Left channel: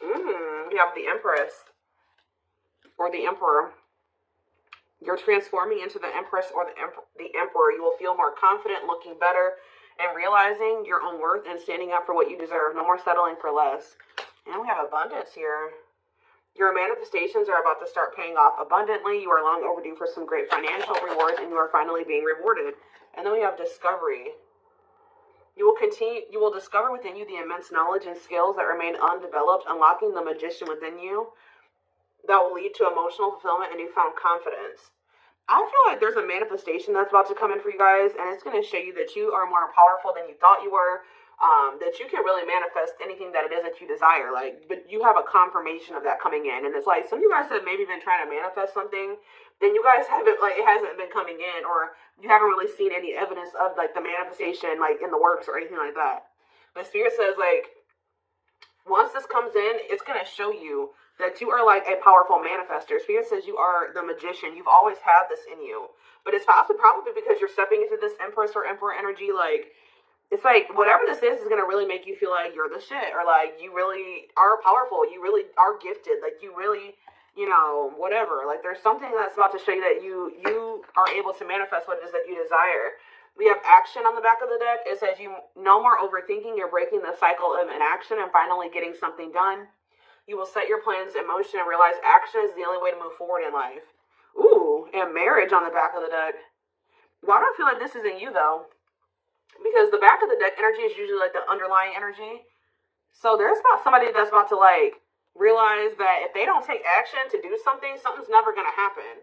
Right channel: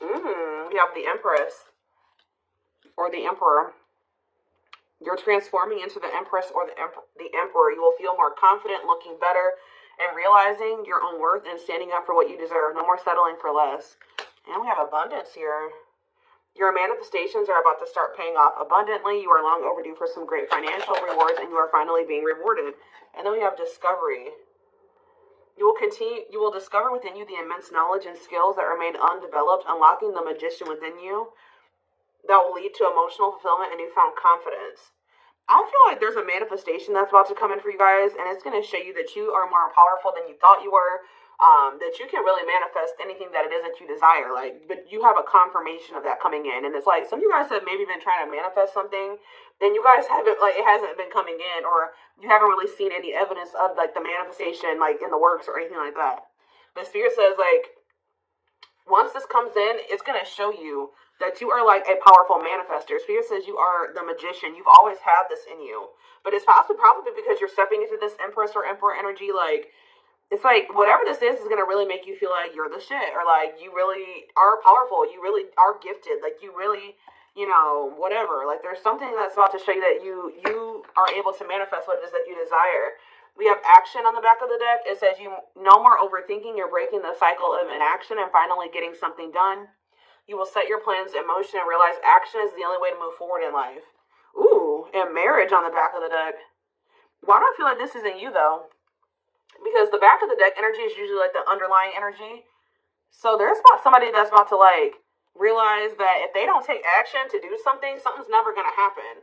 You have the Empress or the Emperor. You're transforming into the Empress or the Emperor. You will feel more confident, looking better, and realizing your own worth and standing up for what you deserve. No more settling for less. And we have abundance here. Your manifestations are about to start paying off abundantly. You are long overdue for some great financial rewards, and you are finally being rewarded. And then we have discovery. You will discover within you the immense knowledge and skills that remain undeveloped, unlocking the magician within you that will lead to emotional fulfillment and newfound confidence. I feel like there's a manifestation that's about to come in for you guys, and it's going to show you that you are more powerful than you thought you were. That you can really manifest anything that it is that you desire, but you have a confirmation of that coming in, and it's like some of you guys have maybe been trying to manifest something, then you guys haven't, it hasn't been coming in, or you haven't really seen any evidence of the manifestation in the works or anything like that. But Spirit says once this comes in, it's gonna show you that you are a powerful manifester. Spirit says you are the magician. You've always had this in you, but it's probably because you're stepping into this Empress or Emperor energy. It's whatever this is going to really make you feel like you're the shit, or you really are powerful, you really are gifted, you really, whatever. There's something that's about to show you that you are able to manifest what it is that you desire. We have action on the back of the deck. It says you no more overthinking. You're breaking the cycle of inaction and finally getting something done. You will set your plans in motion and realize action is the only way to move forward in life. Ooh, and marriage on the back of the deck. Why do I feel like this isn't you, though? Because the back of the deck energy is usually the underlying energy. So there's not somebody that's about to realize that if they don't take action to do something, something's never going to happen.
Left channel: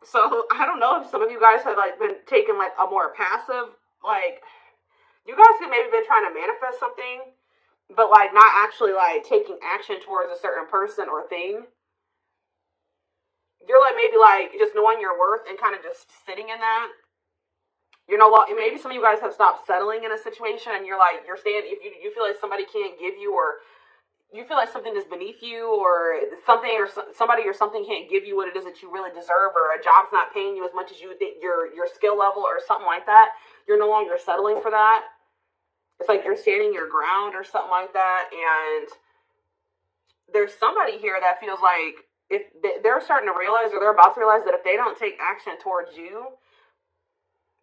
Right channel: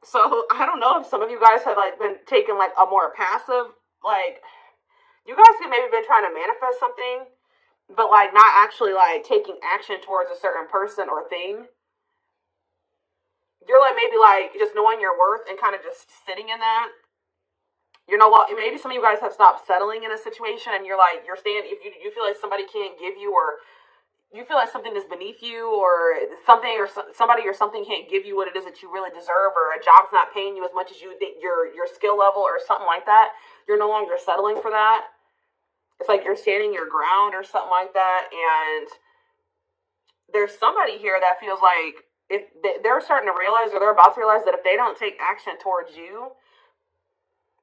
So I don't know if some of you guys have been taking a more passive, you guys have maybe been trying to manifest something, but not actually taking action towards a certain person or thing. You're maybe just knowing your worth and kind of just sitting in that. Maybe some of you guys have stopped settling in a situation, and you're staying. If you feel like somebody can't give you, or you feel like something is beneath you, or something, or somebody or something can't give you what it is that you really deserve, or a job's not paying you as much as you think your skill level, or something like that. You're no longer settling for that. It's you're standing your ground, or something like that. And there's somebody here that feels like if they're starting to realize, or they're about to realize, that if they don't take action towards you,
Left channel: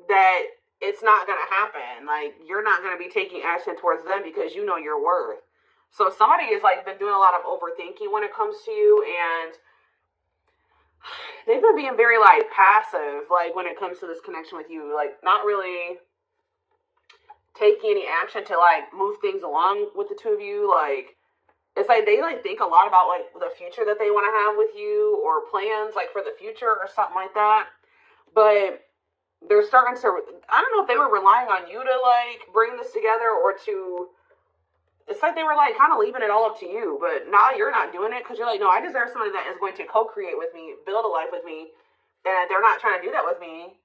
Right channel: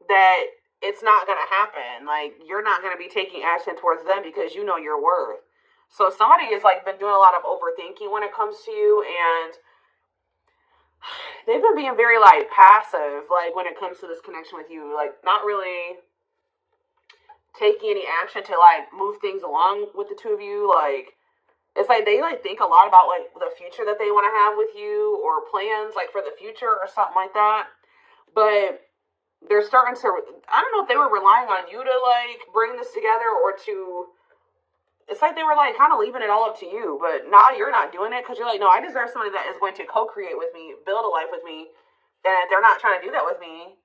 that it's not going to happen. You're not going to be taking action towards them because you know your worth. So somebody has been doing a lot of overthinking when it comes to you, and they've been being very passive when it comes to this connection with you, not really taking any action to move things along with the two of you. It's they think a lot about the future that they want to have with you, or plans for the future or something like that. But they're starting to, I don't know if they were relying on you to bring this together, or to, it's they were kind of leaving it all up to you, but now you're not doing it because you're no, I deserve somebody that is going to co-create with me, build a life with me, and if they're not trying to do that with me,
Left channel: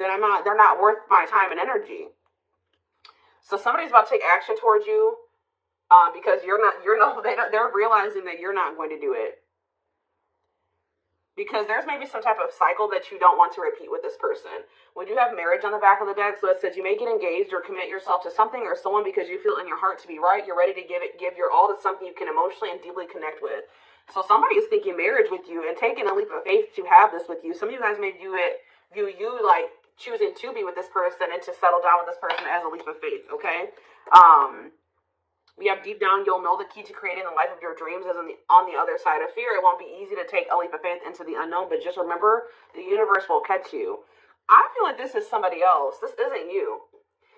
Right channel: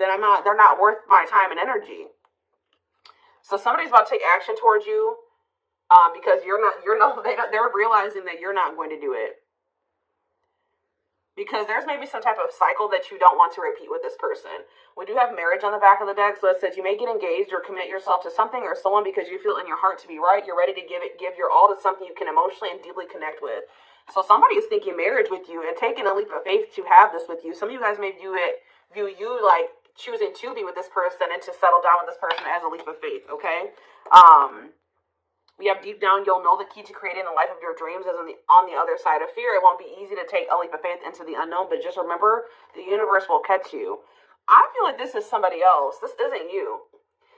then they're not worth my time and energy. So somebody's about to take action towards you, because they're realizing that you're not going to do it. Because there's maybe some type of cycle that you don't want to repeat with this person. We do have marriage on the back of the deck, so it says you may get engaged or commit yourself to something or someone because you feel in your heart to be right. You're ready to give your all to something you can emotionally and deeply connect with. So somebody is thinking marriage with you and taking a leap of faith to have this with you. Some of you guys may view you choosing to be with this person and to settle down with this person as a leap of faith, okay? We have deep down, you'll know the key to creating the life of your dreams is on the other side of fear. It won't be easy to take a leap of faith into the unknown, but just remember, the universe will catch you. I feel like this is somebody else. This isn't you.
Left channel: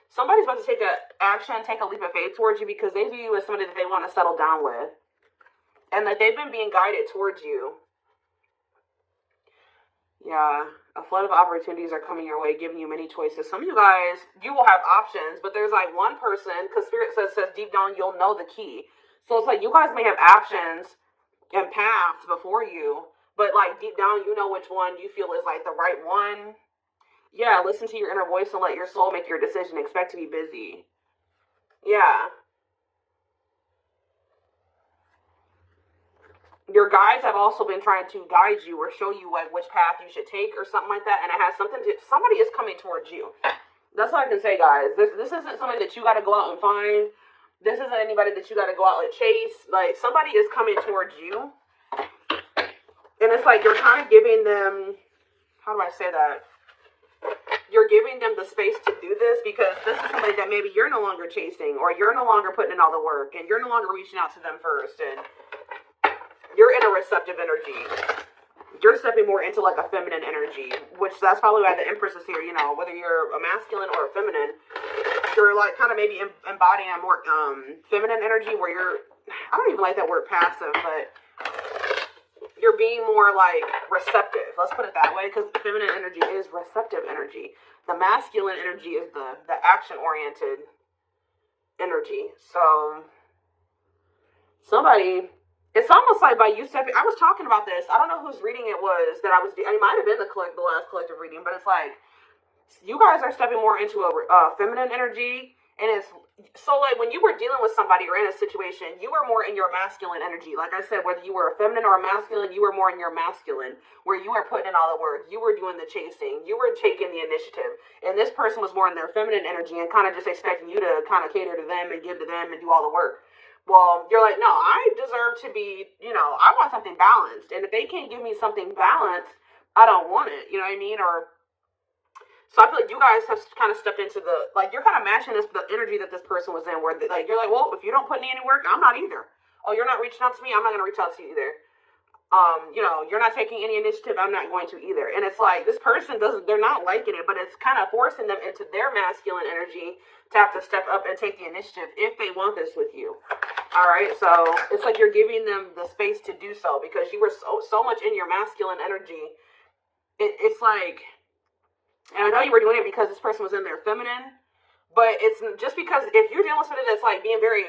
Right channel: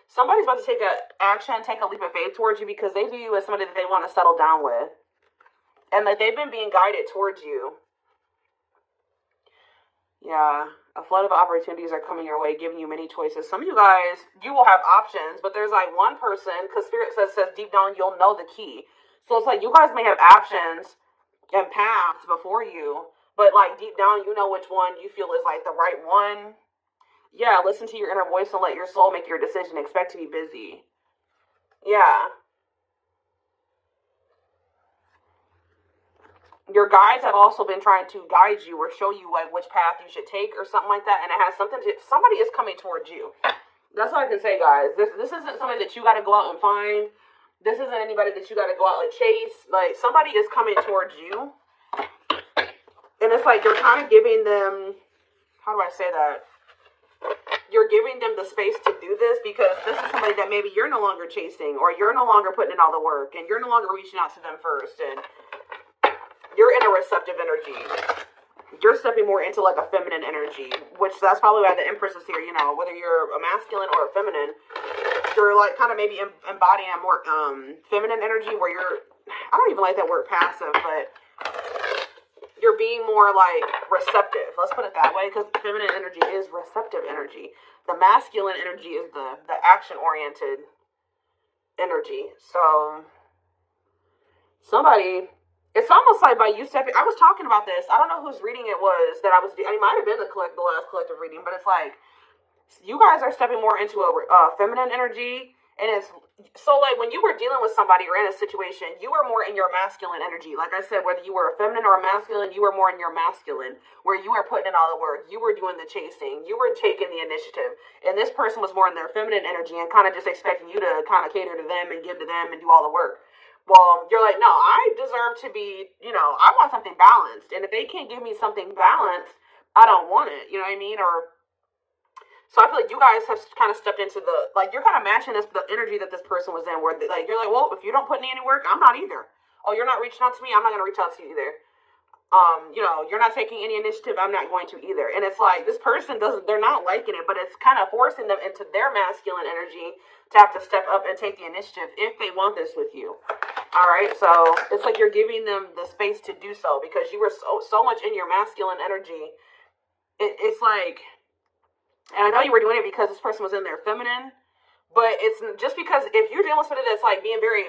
Somebody's about to take a leap of faith towards you because they view you as somebody that they want to settle down with, and that they've been being guided towards you. Yeah, a flood of opportunities are coming your way, giving you many choices. Some of you guys, you will have options, but there's one person, because Spirit says deep down you'll know the key. So it's you guys may have options and paths before you, but deep down you know which one you feel is the right one. Yeah, listen to your inner voice and let your soul make your decision. Expect to be busy. Yeah. Your guides have also been trying to guide you or show you which path you should take or something like that, and it has something to, somebody is coming towards you. That's what I can say, guys. This isn't something that you got to go out and find. This isn't anybody that you got to go out and chase. Like, somebody is coming towards you. And it's like you're kind of giving them, how do I say that? You're giving them the space to do this because this is somebody that maybe you're no longer chasing, or you're no longer putting in all the work, and you're no longer reaching out to them first, and you're in a receptive energy. You're stepping more into like a feminine energy, which that's probably why the Empress is here. You know, whether you're a masculine or a feminine, you're like kind of maybe embodying a more feminine energy where you're, I don't even like that word passive, but you're being more like receptive. Let's put it that way, because feminine energy is receptive energy. The masculine energy is the action-oriented energy. So somebody, it's almost like by you stepping, I was talking about this. I don't know whose reading it was that I was, it might have been the last collective reading, but it's like you guys are stepping more into a feminine energy. And it's so like when you were dealing with somebody or in a situation, you were more in your masculine energy. Like I said, whether you were a feminine or a masculine, you were more in your masculine, where you were putting in all the work. You were doing the chasing. You were taking the initiative. And this person was more in their feminine energy and kind of just expecting you to kind of cater to them and give to them and do all the work. Well, you're like, no, I deserve to be, you know, I want something balanced. And if they can't give me something balanced, I don't want it. You know what I mean? Or so I feel like you guys have kind of stepped into the, like, you're kind of matching the energy that this person was in, where, like, you're like, well, if you don't put in any work, I'm not either. Oh, you're not reaching out to me, I'm not going to reach out to you either. You know, you're not taking any initiative, I'm not going to either. And it's like, this person they're not liking it, but it's kind of forcing them into their masculine energy to have to step up and take the initiative if they want this with you. All right, so it's like you're giving them the space to do so, because you were so much in your masculine energy. It's like, and I know you were doing it because this person was in their feminine, but it's just because if you're dealing with somebody that's like being very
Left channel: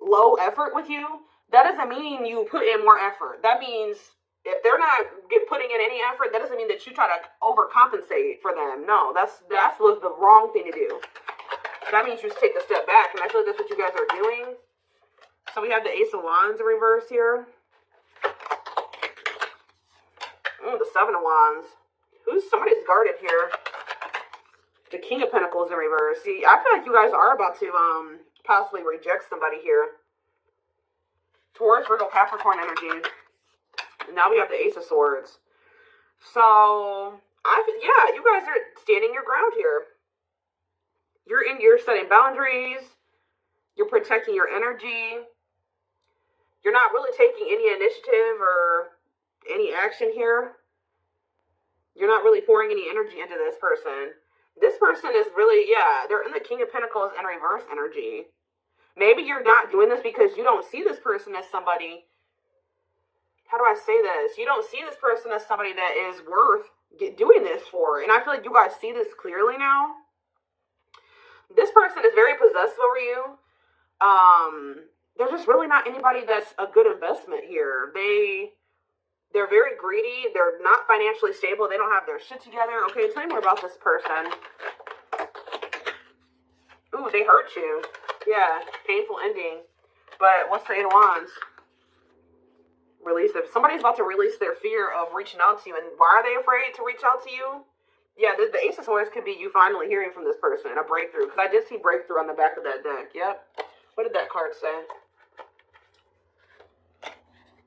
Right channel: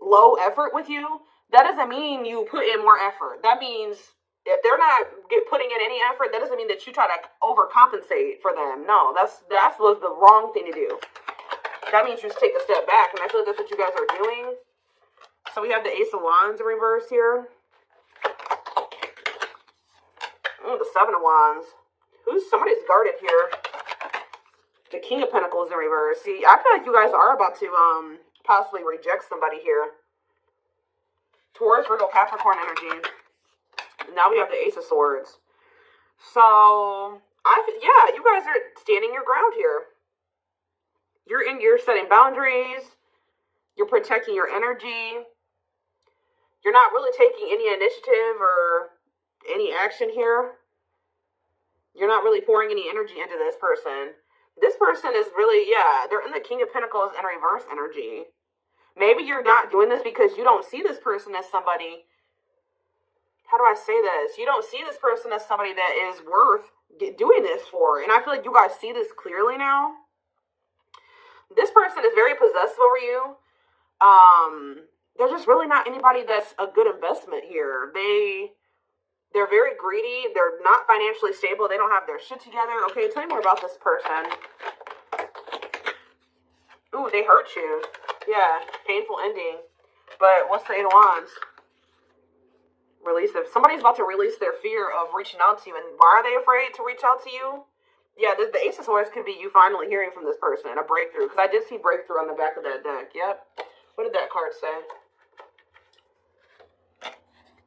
low effort with you, that doesn't mean you put in more effort. That means if they're not putting in any effort, that doesn't mean that you try to overcompensate for them. No, that's the wrong thing to do. That means you just take a step back, and I feel like that's what you guys are doing. So we have the Ace of Wands in reverse here. The Seven of Wands. Somebody's guarded here. The King of Pentacles in reverse. See, I feel like you guys are about to possibly reject somebody here. Taurus, Virgo, Capricorn energy. Now we have the Ace of Swords. So, you guys are standing your ground here. You're setting boundaries. You're protecting your energy. You're not really taking any initiative or any action here. You're not really pouring any energy into this person. This person is really, they're in the King of Pentacles and reverse energy. Maybe you're not doing this because you don't see this person as somebody, how do I say this? You don't see this person as somebody that is worth doing this for. And I feel like you guys see this clearly now. This person is very possessive over you. They're just really not anybody that's a good investment here. They're very greedy. They're not financially stable. They don't have their shit together. Okay, tell me more about this person. Ooh, they hurt you. Yeah, painful ending. But what's the Eight of Wands? Release it. Somebody's about to release their fear of reaching out to you. And why are they afraid to reach out to you? Yeah, the Ace of Swords could be you finally hearing from this person. A breakthrough. Because I did see breakthrough on the back of that deck. Yep. What did that card say?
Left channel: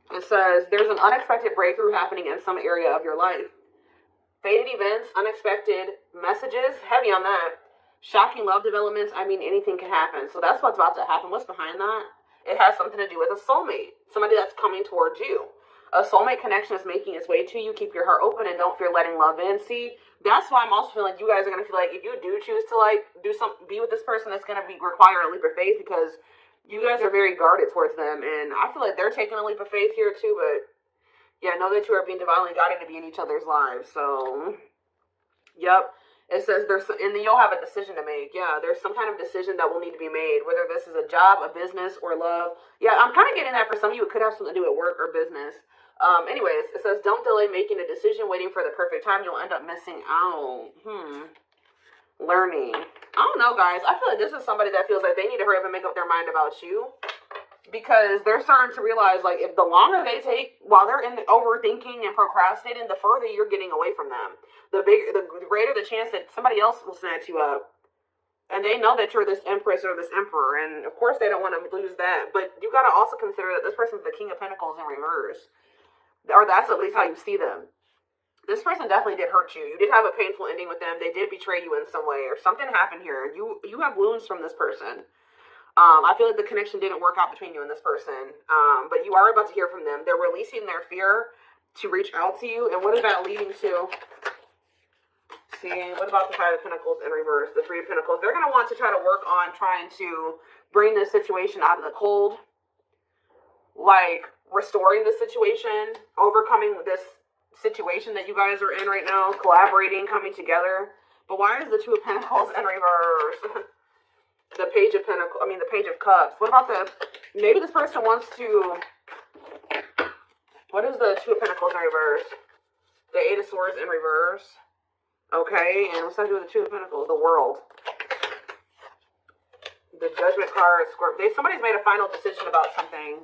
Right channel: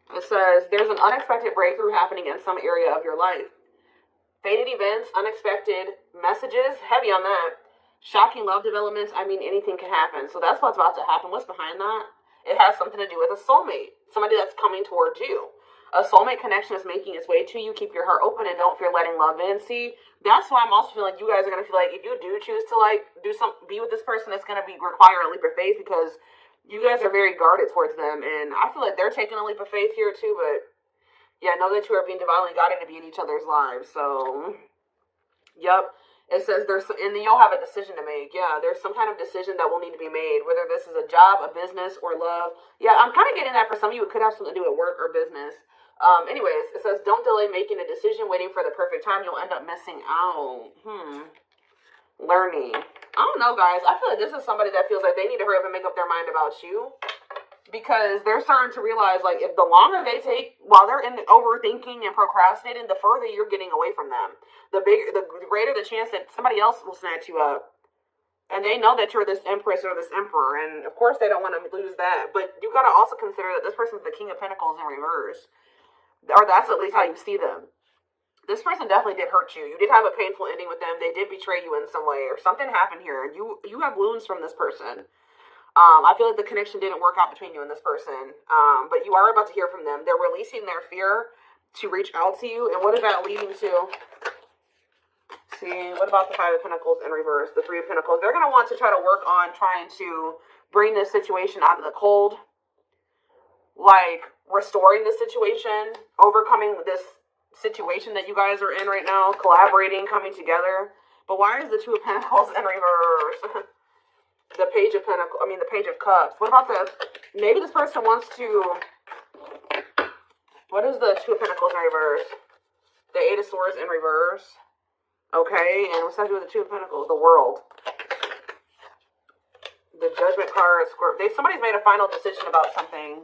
It says, there's an unexpected breakthrough happening in some area of your life. Fated events, unexpected messages, heavy on that. Shocking love developments, I mean, anything can happen. So that's what's about to happen. What's behind that? It has something to do with a soulmate. Somebody that's coming towards you. A soulmate connection is making its way to you. Keep your heart open and don't fear letting love in. See, that's why I'm also feeling like you guys are going to feel like if you do choose to be with this person, it's going to require a leap of faith, because you guys are very guarded towards them, and I feel like they're taking a leap of faith here too, but yeah, know that you are being divinely guided to be in each other's lives. So, yep, it says and then you'll have a decision to make. Yeah, there's some kind of decision that will need to be made, whether this is a job, a business, or love. Yeah, I'm kind of getting that for some of you. It could have something to do with work or business. Anyways, it says, don't delay making a decision, waiting for the perfect time. You'll end up missing out. Learning. I don't know, guys. I feel like this is somebody that feels like they need to hurry up and make up their mind about you, because they're starting to realize, like, if the longer they take while they're in overthinking and procrastinating, the further you're getting away from them. The greater the chance that somebody else will snatch you up. And they know that you're this empress or this emperor, and of course they don't want to lose that. But you got to also consider that this person's the King of Pentacles in reverse, or that's at least how you see them. This person definitely did hurt you. You did have a painful ending with them. They did betray you in some way, or something happened here. You have wounds from this person. I feel like the connection didn't work out between you and this person, but you are about to hear from them. They're releasing their fear to reach out to you, and what is that leading to? See, what about the Five of Pentacles in reverse? The Three of Pentacles. They're going to want to try to work on trying to bring this situation out of the cold. Like, restoring the situation. Overcoming this situation that you guys are in right now. Collaborating, coming together. But why is the Two of Pentacles in reverse? The Page of Pentacles. I mean, the Page of Cups. What about the... Maybe this person wants to... What is the Two of Pentacles in reverse? The Eight of Swords in reverse. Okay, and what's that do with the Two of Pentacles? The World. The Judgment card. Somebody's made a final decision about something.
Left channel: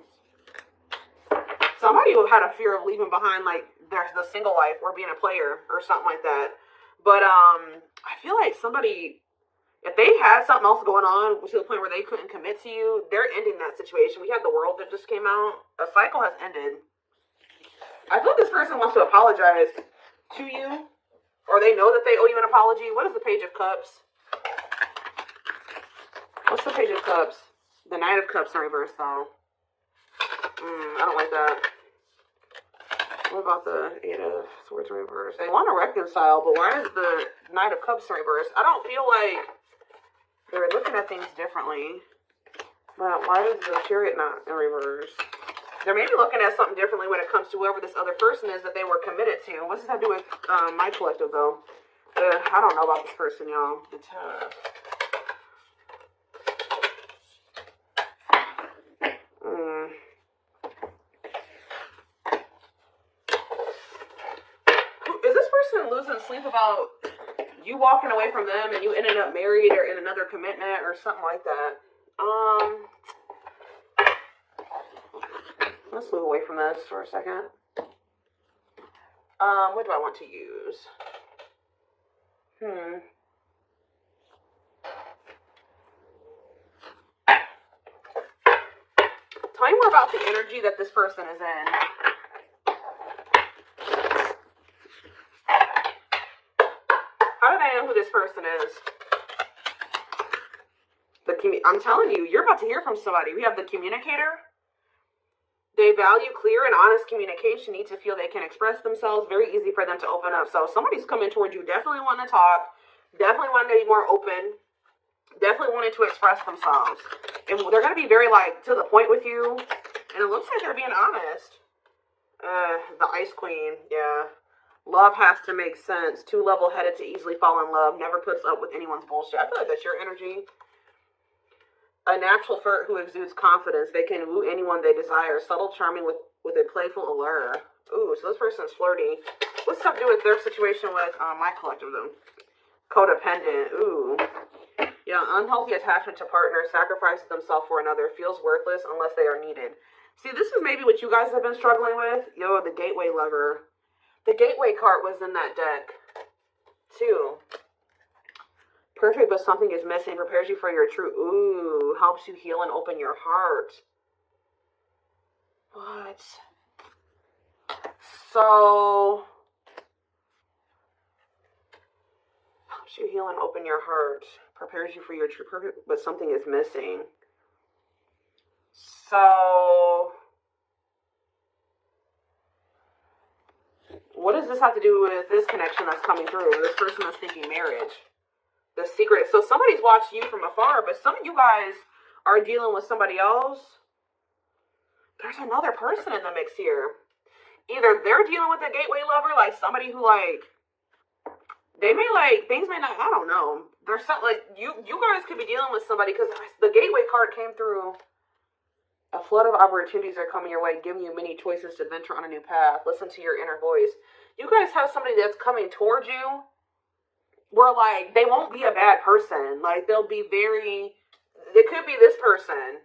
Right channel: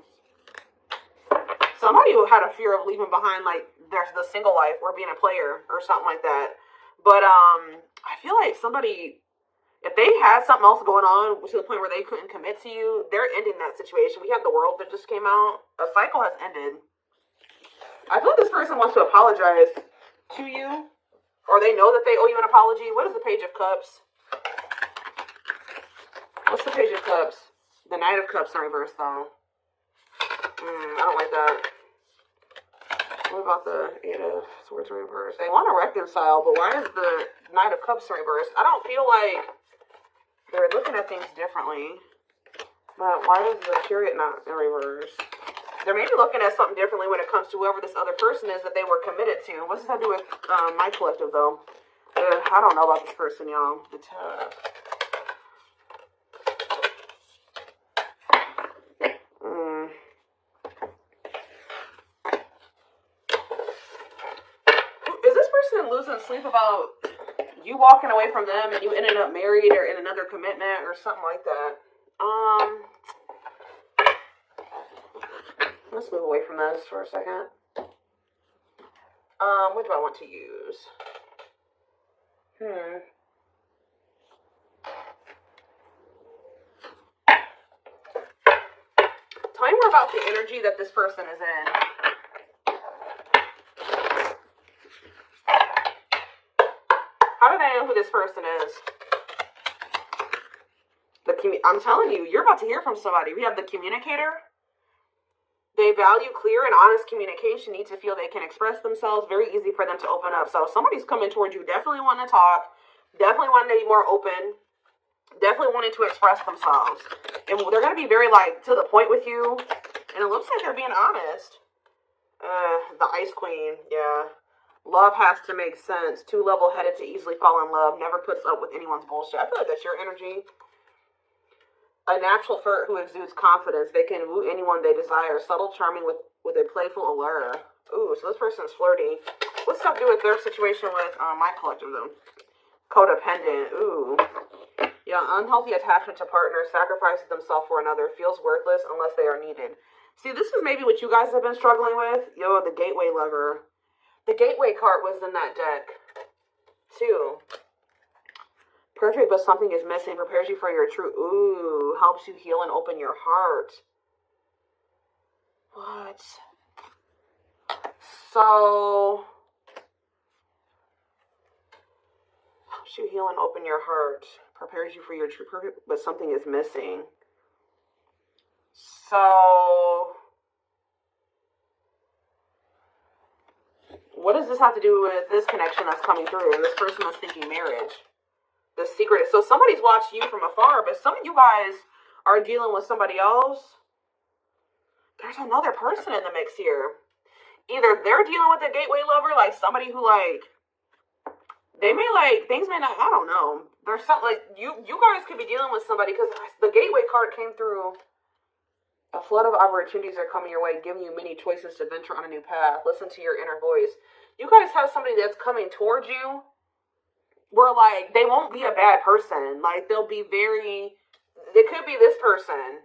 Somebody who had a fear of leaving behind, like, the single life or being a player or something like that. But, I feel like somebody, if they had something else going on to the point where they couldn't commit to you, they're ending that situation. We have the World that just came out. A cycle has ended. I feel this person wants to apologize to you. Or they know that they owe you an apology. What is the Page of Cups? What's the Page of Cups? The Knight of Cups in reverse, though. I don't like that. What about the Eight of Swords in reverse? They want to reconcile, but why is the Knight of Cups in reverse? I don't feel like they're looking at things differently. But why is the Chariot not in reverse? They're maybe looking at something differently when it comes to whoever this other person is that they were committed to. What does that do with my collective, though? I don't know about this person, y'all. Is this person losing sleep about you walking away from them and you ended up married or in another commitment or something like that? Let's move away from this for a second. What do I want to use? Tell me more about the energy that this person is in. How do they know who this person is? I'm telling you, you're about to hear from somebody. We have the Communicator. They value clear and honest communication, need to feel they can express themselves. Very easy for them to open up. So if somebody's coming towards you, definitely wanting to talk, definitely wanting to be more open, definitely wanting to express themselves. And they're going to be very, like, to the point with you. And it looks like they're being honest. The Ice Queen, yeah. Love has to make sense. Too level-headed to easily fall in love. Never puts up with anyone's bullshit. I feel like that's your energy. A natural flirt who exudes confidence. They can woo anyone they desire. Subtle, charming with a playful allure. Ooh, so this person's flirty. What's that do with their situation with my collective, though? Codependent. Ooh. Yeah, unhealthy attachment to partners. Sacrifices themselves for another. Feels worthless unless they are needed. See, this is maybe what you guys have been struggling with. Yo, the Gateway Lover. The Gateway card was in that deck, too. Perfect, but something is missing. Prepares you for your true. Ooh, helps you heal and open your heart. What? So, helps you heal and open your heart. Prepares you for your true. Perfect, but something is missing. So, what does this have to do with this connection that's coming through? This person is thinking marriage. The secret. So somebody's watching you from afar, but some of you guys are dealing with somebody else. There's another person in the mix here. Either they're dealing with a gateway lover, like somebody who, like, they may, like, things may not, I don't know. There's something, like, you guys could be dealing with somebody, because the gateway card came through. A flood of opportunities are coming your way, giving you many choices to venture on a new path. Listen to your inner voice. You guys have somebody that's coming towards you, where, like, they won't be a bad person. Like, they'll be very, it could be this person.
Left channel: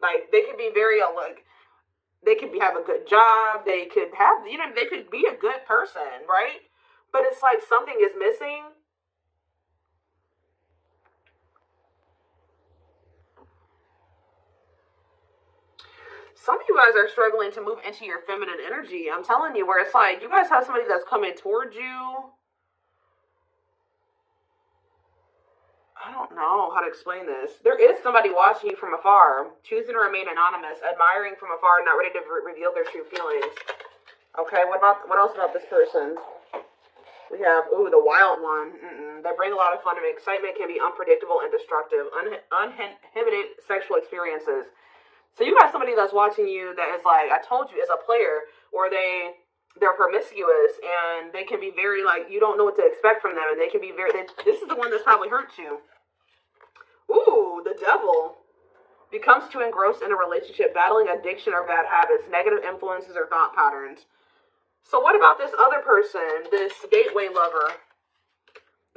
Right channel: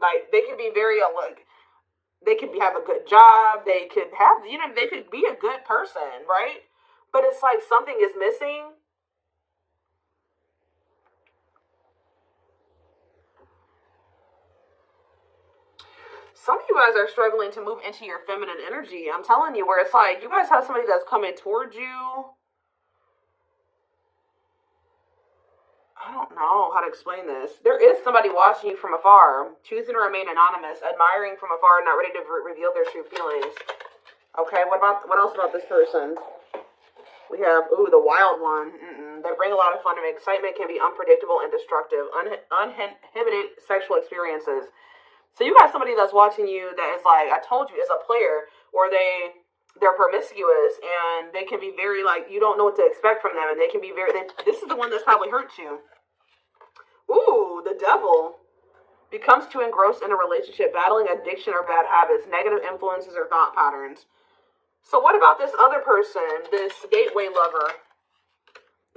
Like, they could be very, like, they could have a good job. They could have, you know, they could be a good person, right? But it's like something is missing. some of you guys are struggling to move into your feminine energy. I'm telling you, where it's like you guys have somebody that's coming towards you. I don't know how to explain this. There is somebody watching you from afar, choosing to remain anonymous, admiring from afar, not ready to reveal their true feelings. Okay, what else about this person? We have, the wild one. They bring a lot of fun and excitement, can be unpredictable and destructive, uninhibited sexual experiences. So you got somebody that's watching you that is like, I told you, is a player, or they're promiscuous, and they can be very, like, you don't know what to expect from them, and they can be very, this is the one that's probably hurt you. Ooh, the devil becomes too engrossed in a relationship, battling addiction or bad habits, negative influences or thought patterns. So what about this other person, this gateway lover,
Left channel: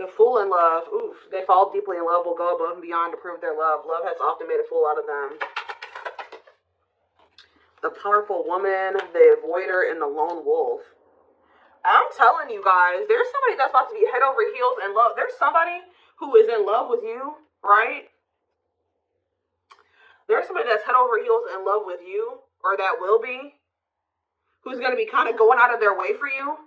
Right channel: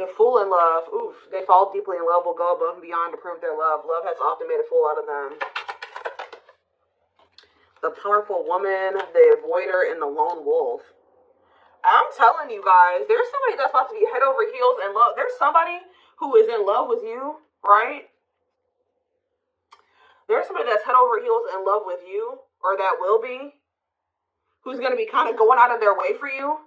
the fool in love? Oof, they fall deeply in love, will go above and beyond to prove their love. Love has often made a fool out of them. The powerful woman, the avoider, and the lone wolf. I'm telling you guys, there's somebody that's about to be head over heels in love. There's somebody who is in love with you, right? There's somebody that's head over heels in love with you, or that will be, who's going to be kind of going out of their way for you,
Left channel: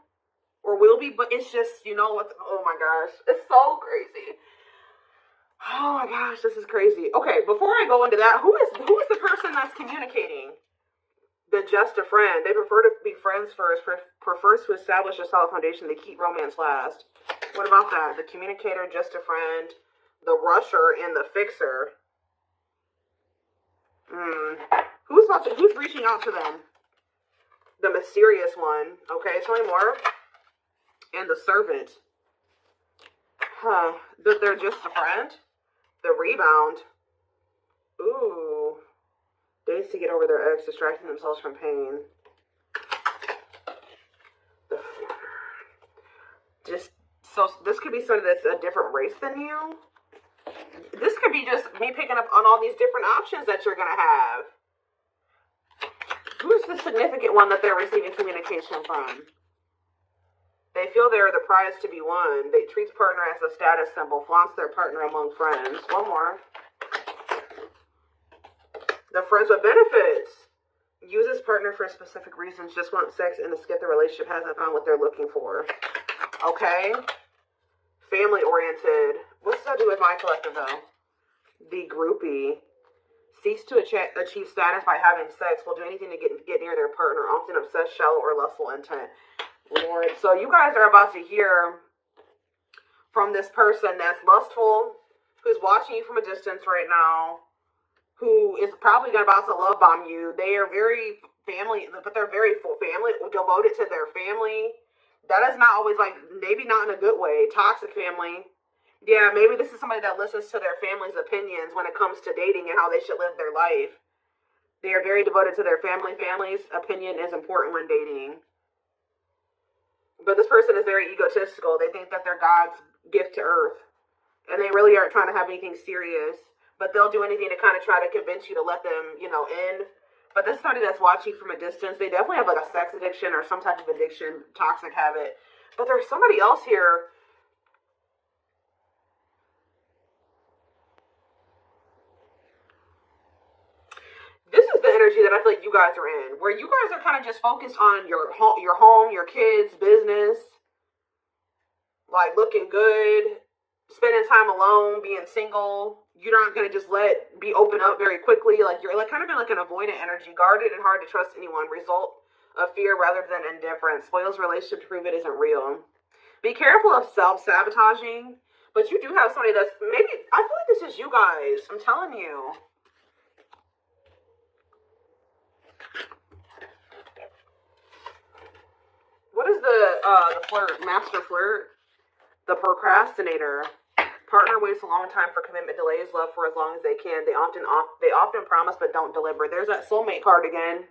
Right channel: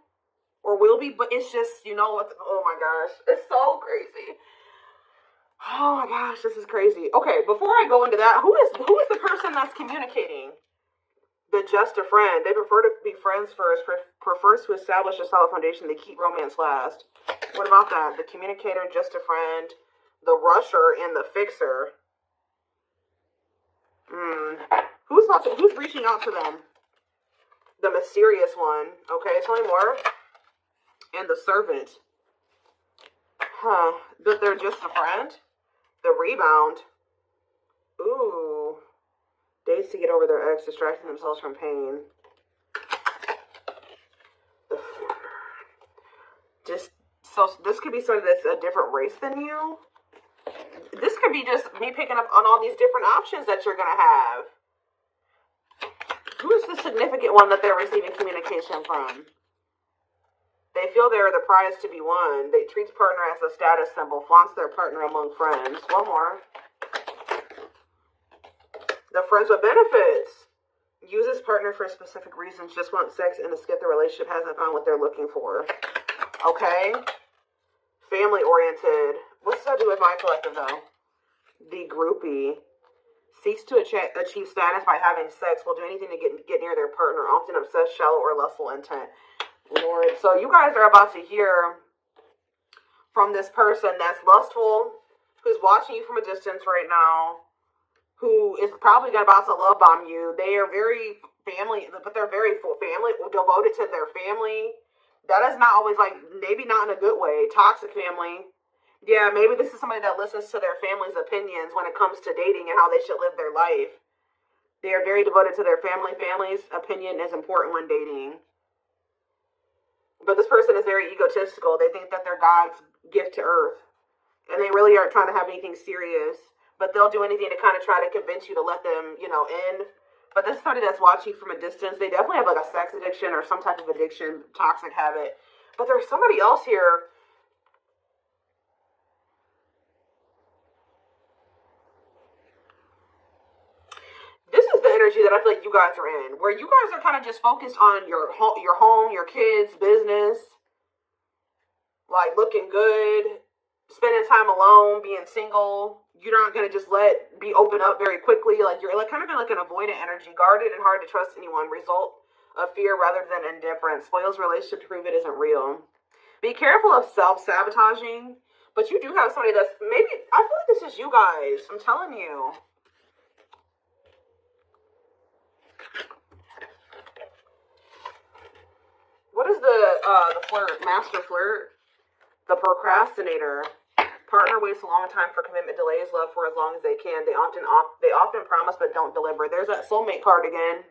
or will be, but it's just, you know what, oh my gosh, it's so crazy. Oh my gosh, this is crazy. Okay, before I go into that, who is the person that's communicating? The just a friend. They prefer to be friends first, prefers to establish a solid foundation to keep romance last. What about that? The communicator, just a friend, the rusher, and the fixer. Who's reaching out to them? The mysterious one. Okay, tell me more. And the servant. That they're just a friend. The rebound. Ooh. Days to get over their ex, distracting themselves from pain. So this could be somebody that's a different race than you. This could be just me picking up on all these different options that you're going to have. Who is the significant one that they're receiving communication from? They feel they are the prize to be won. They treat partner as a status symbol, flaunts their partner among friends. One more. The friends with benefits. Uses partner for specific reasons, just want sex and to skip the relationship, hasn't found what they're looking for. Okay. Family oriented. What's that do with my collective though? The groupie. Seeks to achieve status by having sex, will do anything to get near their partner, often obsessed, shallow, or lustful intent. Lord. So you guys are about to hear from this person that's lustful, who's watching you from a distance right now, who is probably about to love bomb you. They are very family, but they're very full family, devoted to their family. That is not always like, maybe not in a good way. Toxic family. Yeah, maybe this is somebody that listens to their family's opinions when it comes to dating and how they should live their life. They are very devoted to their family. Family's opinion is important when dating. But this person is very egotistical. They think that they're God's gift to earth. And they really aren't trying to have anything serious. But they'll do anything to kind of try to convince you to let them, in. But this is somebody that's watching from a distance. They definitely have like a sex addiction or some type of addiction, toxic habit. But there's somebody else here. This is the energy that I feel like you guys are in, where you guys are kind of just focused on your home, your kids, business, like looking good, spending time alone, being single. You're not gonna just be open up very quickly. Like you're like kind of in like an avoidant energy, guarded and hard to trust anyone. Result of fear rather than indifference. Spoils relationship to prove it isn't real. Be careful of self-sabotaging. But you do have somebody that's maybe, I feel like this is you guys. I'm telling you. What is the flirt, master flirt? The procrastinator. Partner waits a long time for commitment, delays love for as long as they can. They often promise but don't deliver. There's that soulmate card again.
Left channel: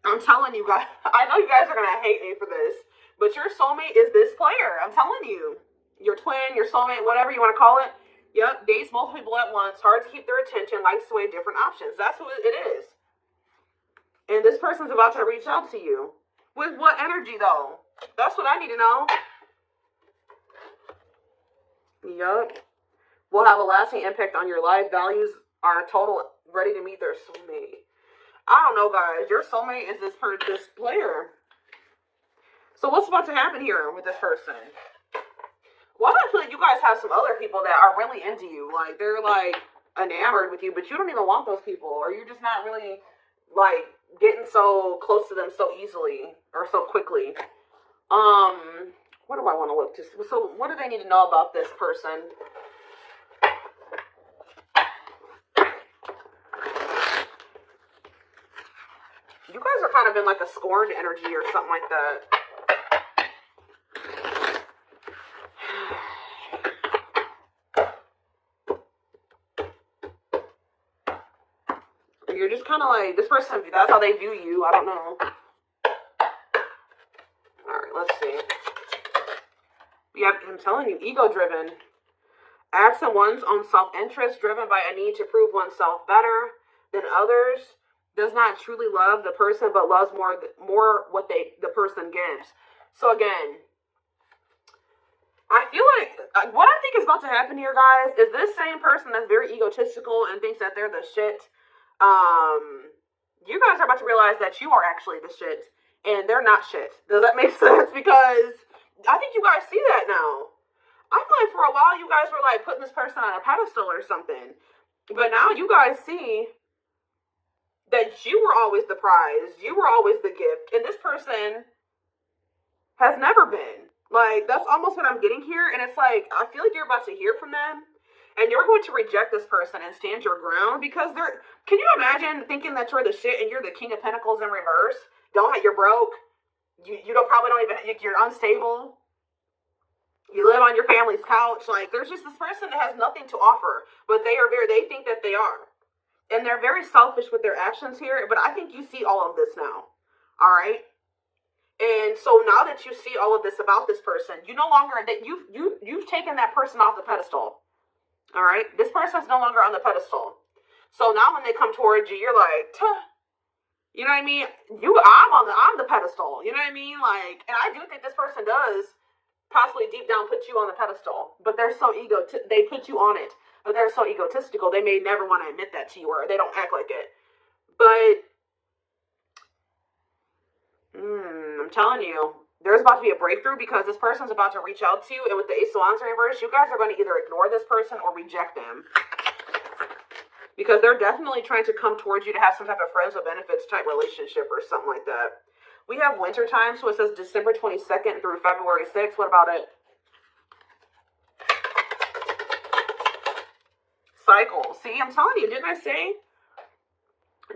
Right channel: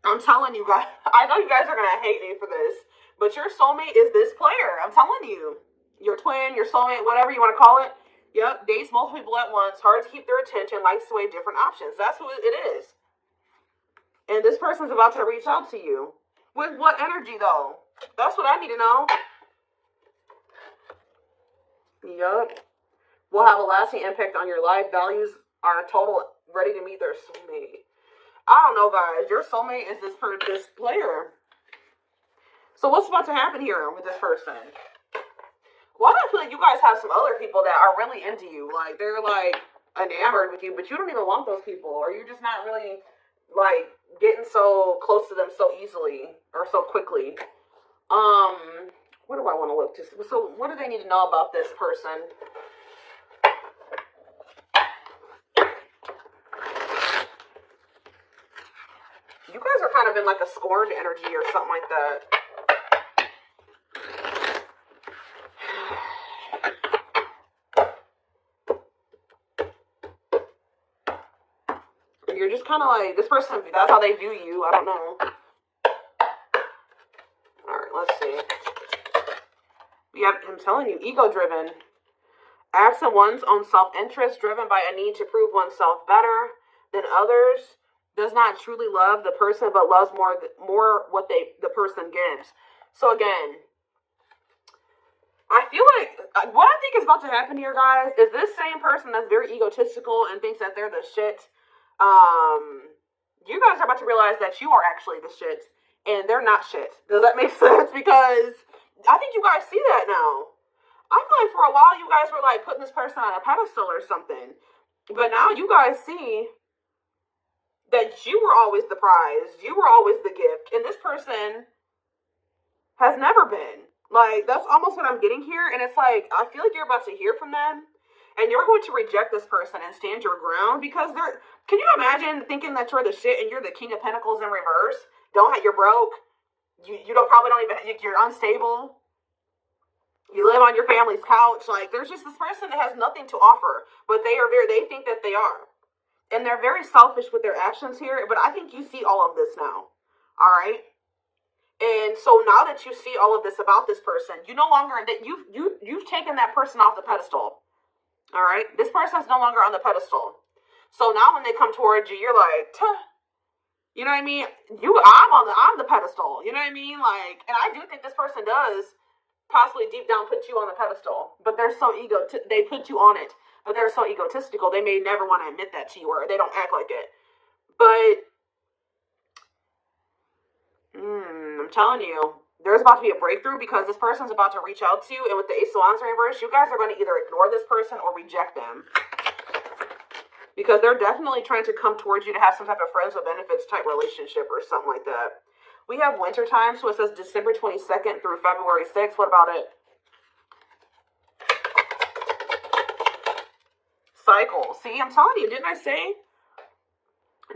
I'm telling you guys, I know you guys are gonna hate me for this, but your soulmate is this player. I'm telling you. Your twin, your soulmate, whatever you want to call it. Yep, dates multiple people at once, hard to keep their attention, likes to weigh different options. That's what it is. And this person's about to reach out to you. With what energy, though? That's what I need to know. Yup. Will have a lasting impact on your life. Values are total, ready to meet their soulmate. I don't know, guys. Your soulmate is this player. So what's about to happen here with this person? Well, I feel like you guys have some other people that are really into you. Like, they're, like, enamored with you, but you don't even want those people. Or you're just not really, like, getting so close to them so easily or so quickly. What do I want to look to? So what do they need to know about this person? You guys are kind of in like a scorned energy or something like that. You're just kind of like, this person, that's how they view you. I don't know. Alright, let's see. I'm telling you, ego-driven. Acts on one's own self-interest, driven by a need to prove oneself better than others. Does not truly love the person, but loves more what the person gives. So again, I feel like what I think is about to happen here, guys, is this same person that's very egotistical and thinks that they're the shit. You guys are about to realize that you are actually the shit, and they're not shit. Does that make sense? Because I think you guys see that now. I feel like for a while you guys were like putting this person on a pedestal or something, but now you guys see that you were always the prize, you were always the gift, and this person has never been. Like, that's almost what I'm getting here, and it's like, I feel like you're about to hear from them, and you're going to reject this person and stand your ground, because can you imagine thinking that you're the shit and you're the King of Pentacles in reverse? You're broke, probably don't even, you're unstable, you live on your family's couch, like, there's just this person that has nothing to offer, but they think that they are. And they're very selfish with their actions here, but I think you see all of this now. All right? And so now that you see all of this about this person, you no longer, that you've taken that person off the pedestal. All right? This person's no longer on the pedestal. So now when they come towards you, you're like, you know what I mean? I'm the pedestal. You know what I mean? Like, and I do think this person does possibly deep down put you on the pedestal, but they're so they put you on it, but they're so egotistical, they may never want to admit that to you, or they don't act like it. But I'm telling you, there's about to be a breakthrough, because this person's about to reach out to you, and with the Ace of Wands in reverse, you guys are going to either ignore this person or reject them, because they're definitely trying to come towards you to have some type of friends with benefits type relationship or something like that. We have winter time, so it says December 22nd through February 6th. What about it? Cycle. See, I'm telling you, didn't I say?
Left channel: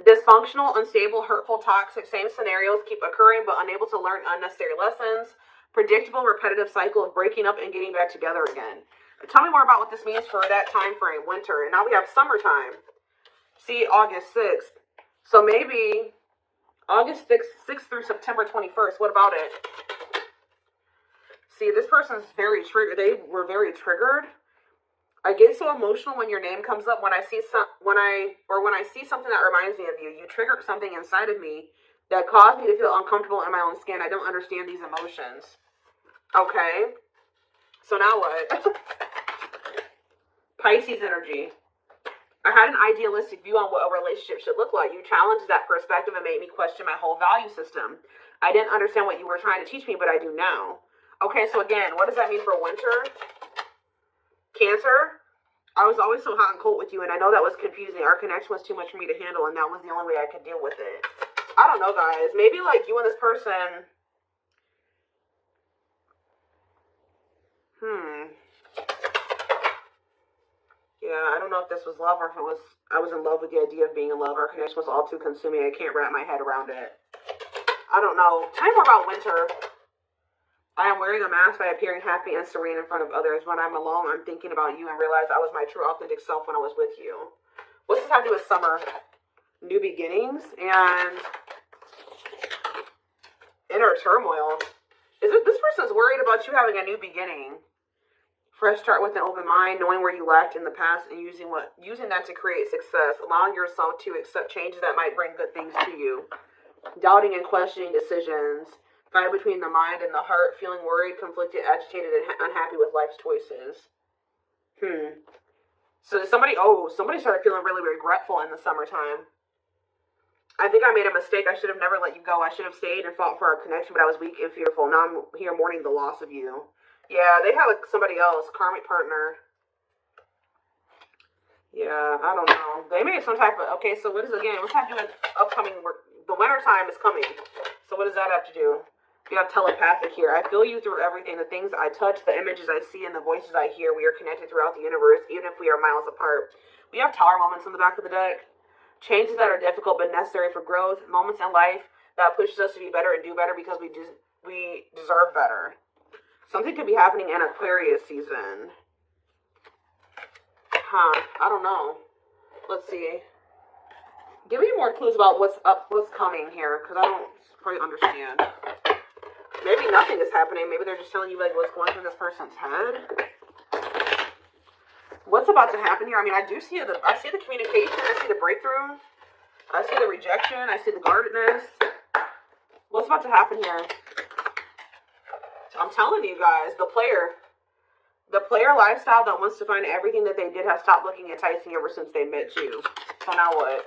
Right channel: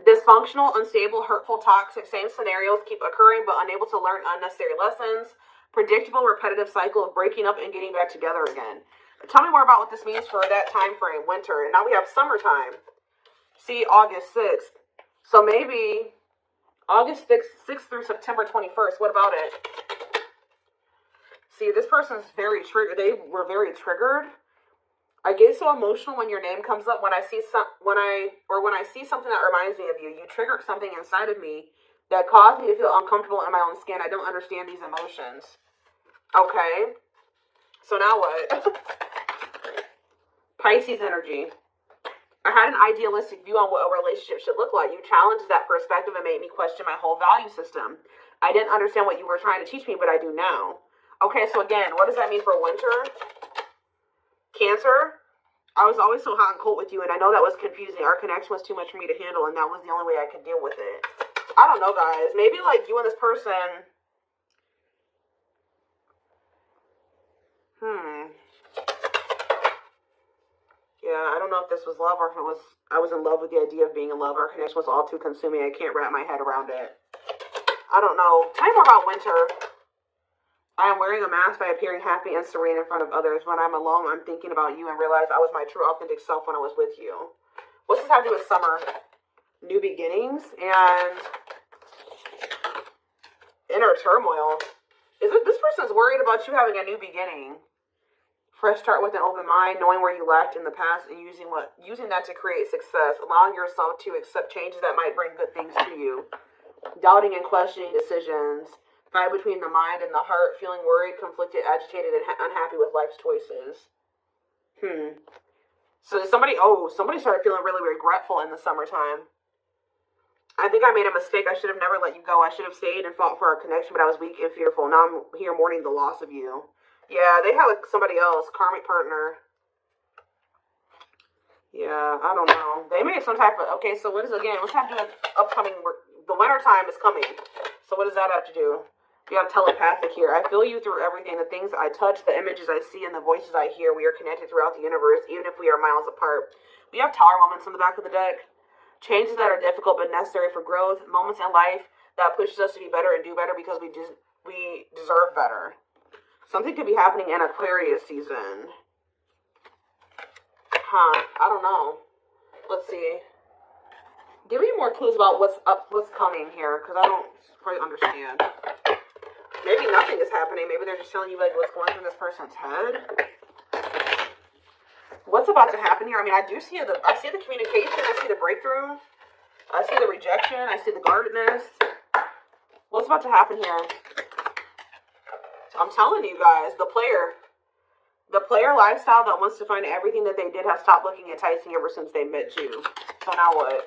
Dysfunctional, unstable, hurtful, toxic, same scenarios keep occurring, but unable to learn unnecessary lessons. Predictable, repetitive cycle of breaking up and getting back together again. Tell me more about what this means for that time frame, winter. And now we have summertime. See, August 6th. So maybe August 6th through September 21st. What about it? See, this person's very triggered. They were very triggered. I get so emotional when your name comes up. When I see when I see something that reminds me of you, you trigger something inside of me that caused me to feel uncomfortable in my own skin. I don't understand these emotions. Okay. So now what? Pisces energy. I had an idealistic view on what a relationship should look like. You challenged that perspective and made me question my whole value system. I didn't understand what you were trying to teach me, but I do now. Okay, so again, what does that mean for winter? Cancer. I was always so hot and cold with you, and I know that was confusing. Our connection was too much for me to handle, and that was the only way I could deal with it. I don't know, guys. Maybe, like, you and this person... Yeah, I don't know if this was love or if I was in love with the idea of being in love. Our connection was all too consuming. I can't wrap my head around it. I don't know. Tell me more about winter. I am wearing a mask by appearing happy and serene in front of others. When I'm alone, I'm thinking about you and realize I was my true authentic self when I was with you. What does this have to do with summer? New beginnings and inner turmoil. Is it this person's worried about you having a new beginning? Fresh start with an open mind, knowing where you lacked in the past and using that to create success. Allowing yourself to accept changes that might bring good things to you. Doubting and questioning decisions. Fight between the mind and the heart. Feeling worried, conflicted, agitated, and unhappy with life's choices. So somebody started feeling really regretful in the summertime. I think I made a mistake. I should have never let you go. I should have stayed and fought for our connection, but I was weak and fearful. Now I'm here mourning the loss of you. Yeah, they have like somebody else, karmic partner. Yeah, I don't know. They made some type of... Okay, so what is, again, what's have to do with upcoming work? The winter time is coming. So what does that have to do? You have telepathic here. I feel you through everything. The things I touch, the images I see, and the voices I hear. We are connected throughout the universe, even if we are miles apart. We have tower moments on the back of the deck. Changes that are difficult but necessary for growth. Moments in life that pushes us to be better and do better because we deserve better. Something could be happening in Aquarius season. I don't know. Let's see. Give me more clues about what's coming here, because I don't quite understand. Maybe nothing is happening. Maybe they're just telling you like what's going through this person's head. What's about to happen here? I mean, I see the communication. I see the breakthrough. I see the rejection. I see the guardedness. What's about to happen here? I'm telling you guys, the player lifestyle that wants to find everything that they did has stopped looking enticing ever since they met you. So now what?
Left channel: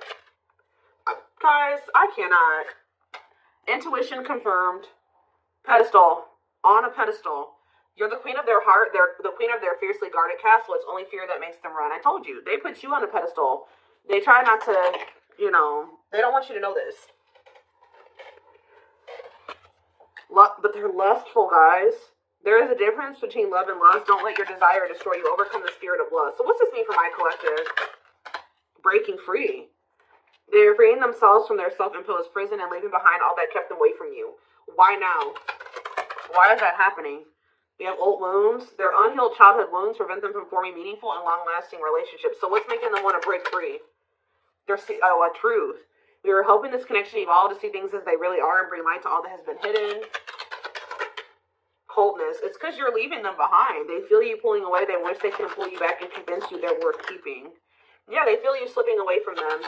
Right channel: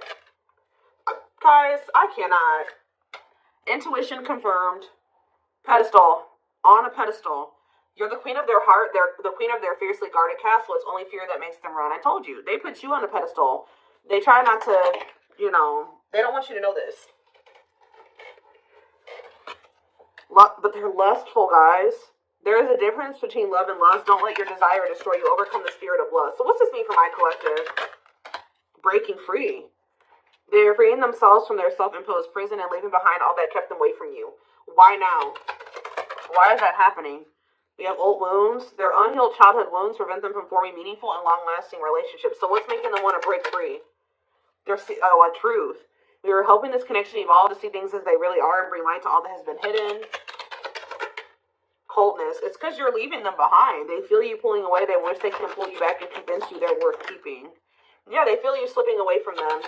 Guys, I cannot. Intuition confirmed. Pedestal. On a pedestal. You're the queen of their heart. They're the queen of their fiercely guarded castle. It's only fear that makes them run. I told you. They put you on a pedestal. They try not to, they don't want you to know this. But they're lustful, guys. There is a difference between love and lust. Don't let your desire destroy you. Overcome the spirit of lust. So what's this mean for my collective? Breaking free. They are freeing themselves from their self-imposed prison and leaving behind all that kept them away from you. Why now? Why is that happening? We have old wounds. Their unhealed childhood wounds prevent them from forming meaningful and long-lasting relationships. So what's making them want to break free? A truth. We were hoping this connection evolved to see things as they really are and bring light to all that has been hidden. Coldness. It's because you're leaving them behind. They feel you pulling away. They wish they can pull you back and convince you they're worth keeping. Yeah, they feel you slipping away from them.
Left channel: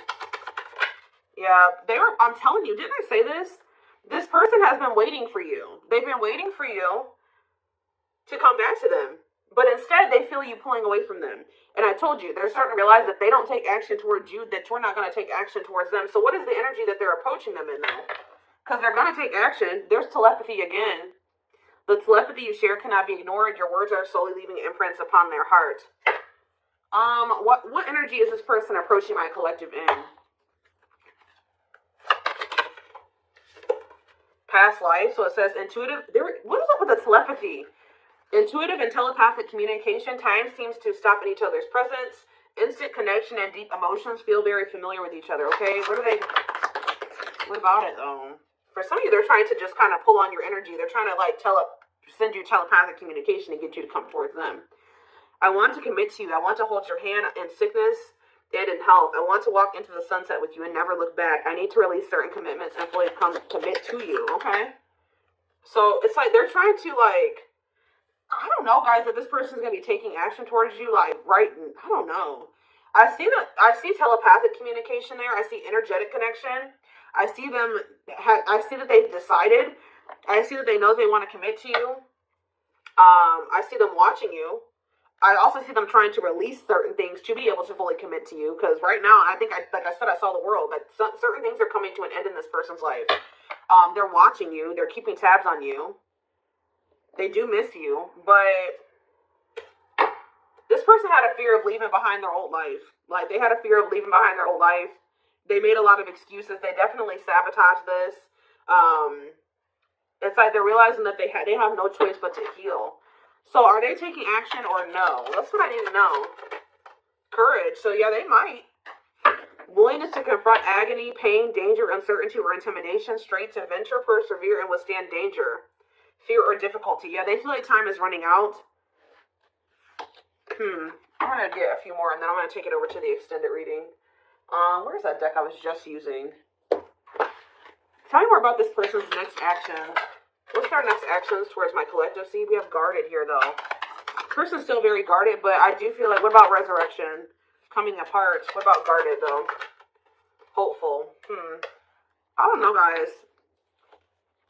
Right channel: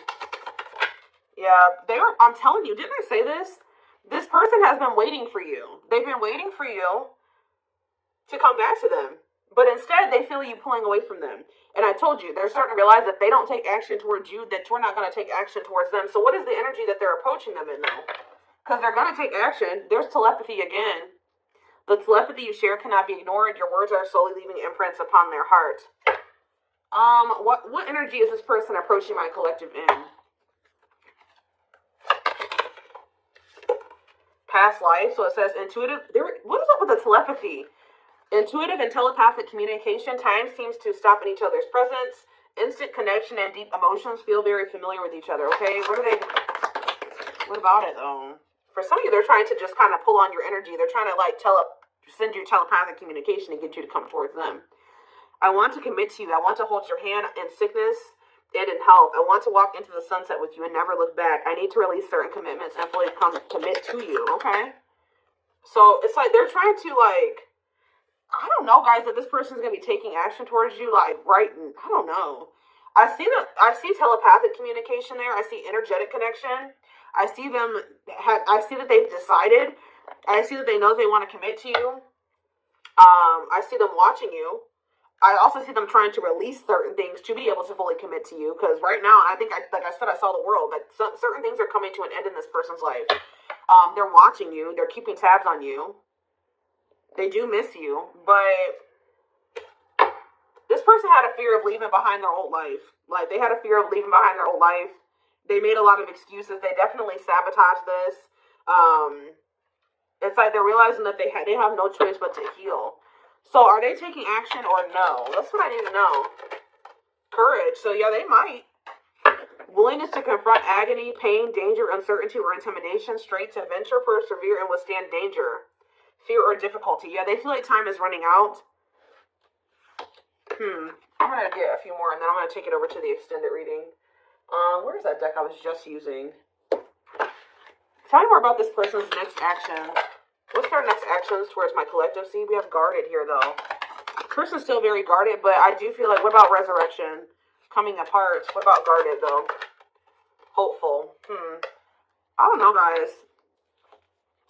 Yeah, I'm telling you, didn't I say this? This person has been waiting for you. They've been waiting for you to come back to them. But instead, they feel you pulling away from them. And I told you, they're starting to realize that they don't take action towards you, that you're not going to take action towards them. So what is the energy that they're approaching them in though? Because they're going to take action. There's telepathy again. The telepathy you share cannot be ignored. Your words are slowly leaving imprints upon their heart. What energy is this person approaching my collective in? Past life. So it says intuitive. What is up with the telepathy? Intuitive and telepathic communication. Time seems to stop in each other's presence. Instant connection and deep emotions feel very familiar with each other. Okay, what about it though? For some of you, they're trying to just kind of pull on your energy. They're trying to send you telepathic communication to get you to come towards them. I want to commit to you. I want to hold your hand in sickness and in health. I want to walk into the sunset with you and never look back. I need to release certain commitments and fully commit to you. Okay? So it's like they're trying to I don't know, guys, that this person's going to be taking action towards you, I don't know. I see telepathic communication there. I see energetic connection. I see that they've decided. I see that they know they want to commit to you. I see them watching you. I also see them trying to release certain things to be able to fully commit to you. Because right now, I think, like I said, I saw the world. That certain things are coming to an end in this person's life. They're watching you. They're keeping tabs on you. They do miss you. But this person had a fear of leaving behind their old life. Like, they had a fear of leaving behind their old life. They made a lot of excuses. They definitely sabotaged this. It's like they're realizing that they have no choice but to heal. So are they taking action or no? That's what I need to know. Courage. So yeah, they might. Willingness to confront agony, pain, danger, uncertainty, or intimidation. Strength to venture, persevere, and withstand danger. Fear or difficulty. Yeah, they feel like time is running out. I'm going to get a few more, and then I'm going to take it over to the extended reading. Where's that deck I was just using? Tell me more about this person's next action. What's their next actions towards my collective? See, we have guarded here, though. Person's still very guarded, but I do feel like, what about resurrection? Coming apart. What about guarded, though? Hopeful. I don't know, guys.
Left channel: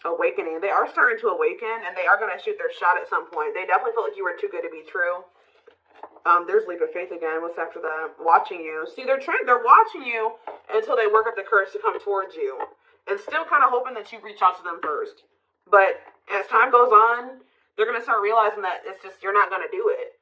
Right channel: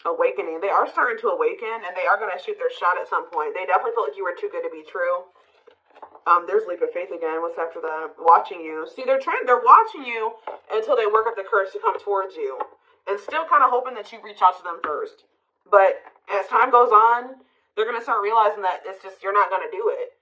Awakening. They are starting to awaken, and they are going to shoot their shot at some point. They definitely feel like you were too good to be true. There's leap of faith again. What's after that? Watching you. See, they're watching you until they work up the courage to come towards you, and still kind of hoping that you reach out to them first. But as time goes on, they're gonna start realizing that it's just you're not gonna do it.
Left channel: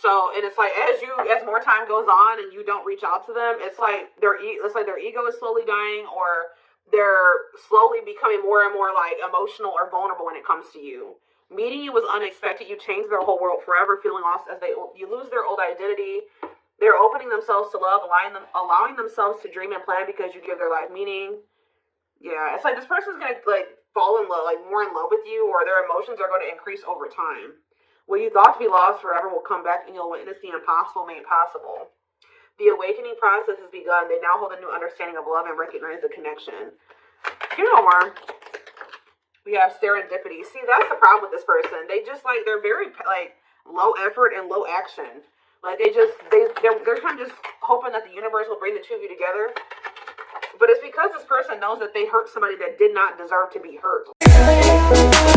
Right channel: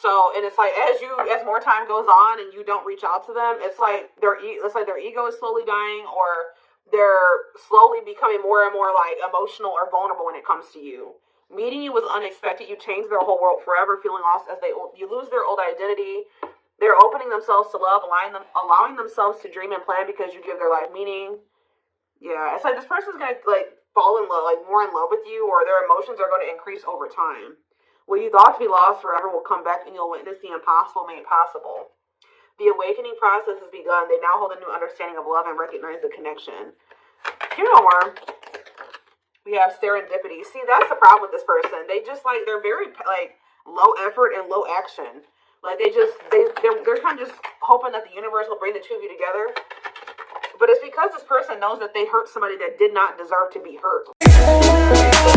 So, and it's like as more time goes on and you don't reach out to them, it's like their ego is slowly dying, or they're slowly becoming more and more like emotional or vulnerable when it comes to you. Meeting you was unexpected. You changed their whole world forever, feeling lost as you lose their old identity. They're opening themselves to love, allowing themselves to dream and plan because you give their life meaning. Yeah, it's like this person's gonna like fall in love, like more in love with you, or their emotions are going to increase over time. What you thought to be lost forever will come back, and you'll witness the impossible made possible. The awakening process has begun. They now hold a new understanding of love and recognize the connection. You know more. We have serendipity. See, that's the problem with this person. They just like, they're very like low effort and low action. Like they're kind of just hoping that the universe will bring the two of you together. But it's because this person knows that they hurt somebody that did not deserve to be hurt.